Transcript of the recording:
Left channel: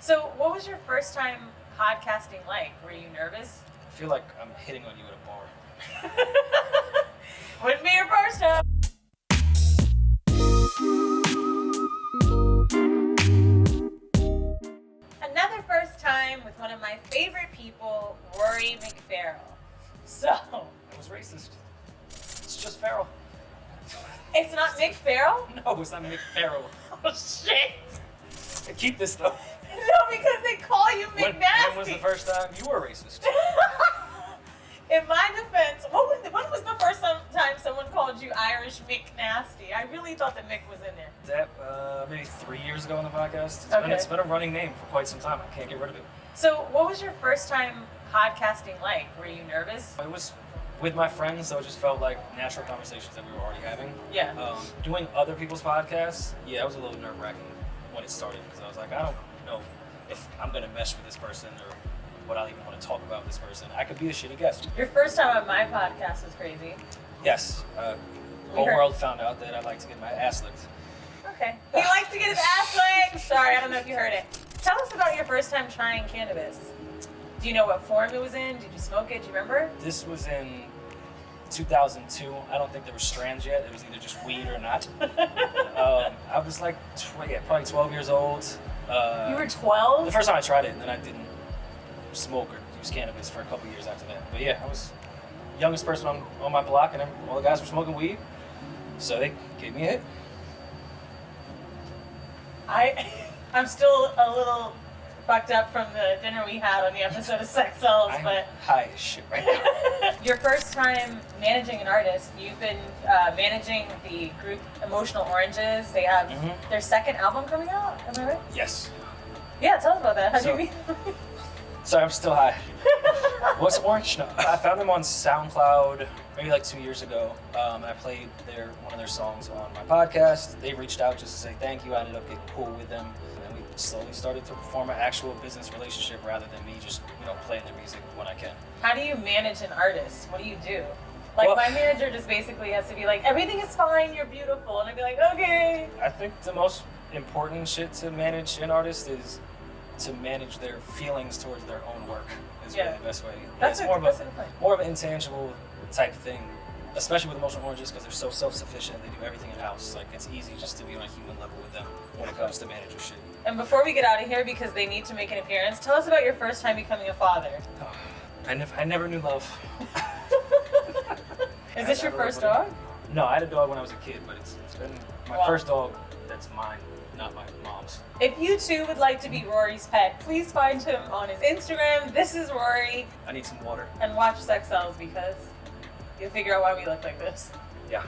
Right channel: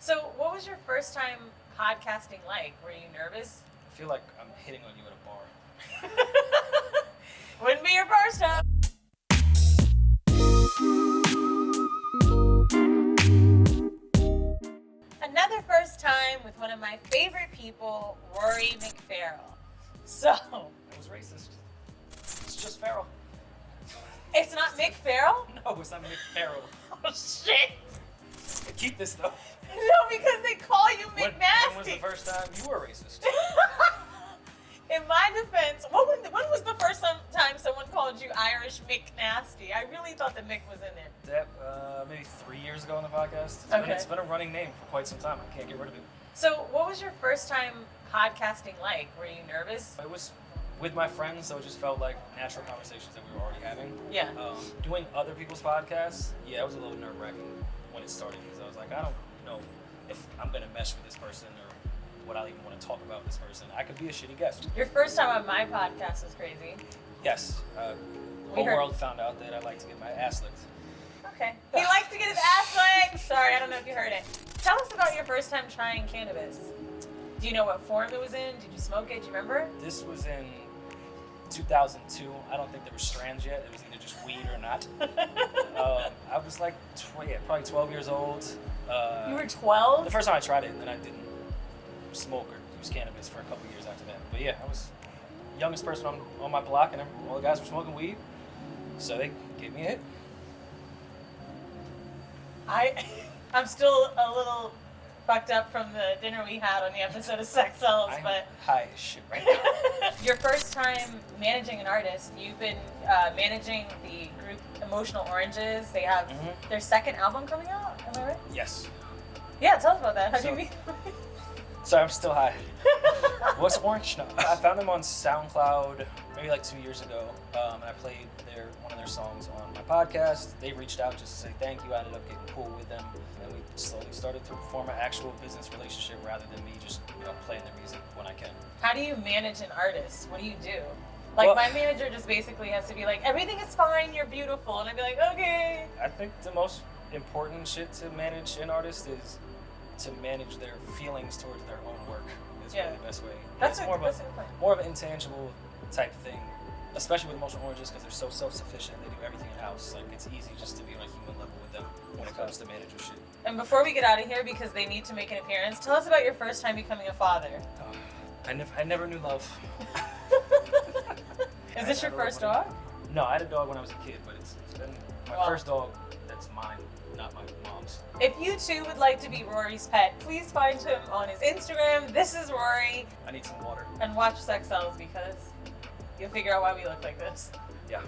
So, what was your first time podcasting like? Were you nervous? I feel like I'm hitting on you at a bar. Wouldn't be your first time. Another first time with one of my favorite people, Rory McFarrell. So, It was racist. It's just Farrell. it's not Mick Farrell? No, it's not McFarrell. Oh shit! Keep this though. No, because they call you When McNasty. was the first time you were racist? In my defense, when was the first time someone called you Irish McNasty? I really thought that Mick was in there. That maybe 3 years ago on the podcast. Okay. It's been a running name for quite some time. I can't get rid of it. So, what was your first time podcasting like? Were you nervous? It was with my friends, so it just felt like natural conversations that we were already having. Yeah. Doing other people's podcasts, yeah, it was a little nerve-wracking when it started because I was like, I don't know if I'm gonna mesh with this person or what I'll even want to talk about with this person. I could be a shitty guest. Your first time on my podcast was crazy. Yes. Whole world found out that I like to get my ass licked. Okay. He likes to get his ass licked. Sorry, I don't know if you heard it. Tell us about your first time trying cannabis. Do you know what form it was in? Did you smoke it? Do you remember? This was in 2002. I don't think there were strands yet. It was either just weed or not. I was like, probably 12 years old. You were 12? The first time I tried it, and then I didn't smoke or use cannabis for a couple years after that. But yeah, I was the youngest person on my block, and all the guys were smoking weed, so they gave me a hit. I'm still a little fucked up from the dinner we had on the episode of Sex Sells, I'm but high as shit right now. your first time managing an artist, you've been managing the group Emotional Oranges. They have their second album coming out, am I right? Yes. Yeah, tell us about that. How do So- you mean? Sorry, I'm still high. What's Orange? No. I found them on SoundCloud maybe like 2 years ago. I played one of their songs on my podcast. They reached out just to say thank you. I ended up getting cool with them. And we slowly started to form an actual business relationship rather than me just playing their music when I can. How do you manage an artist? What do you do? Like, Well, my manager just basically has to be like, everything is fine, you're beautiful. And I'd be like, okay. I think the most important shit to manage an artist is to manage their feelings towards their own work is really the best way. That's it's more of an intangible type thing, especially with Emotional Oranges because they're so self-sufficient. They do everything in-house. Like, it's easy just to be on a human level with them when it comes to manager shit. And before we get out of here, because they need to make an appearance, tell us about your first time becoming a father. I never knew love. Is this your first dog? No, I had a dog when I was a kid, but it's been my first dog that's mine, not my mom's. If you too would like to be Rory's pet, please find him on his Instagram. This is Rory. I need some water. And watch Sex Sells because you'll figure out why we look like this. Yeah.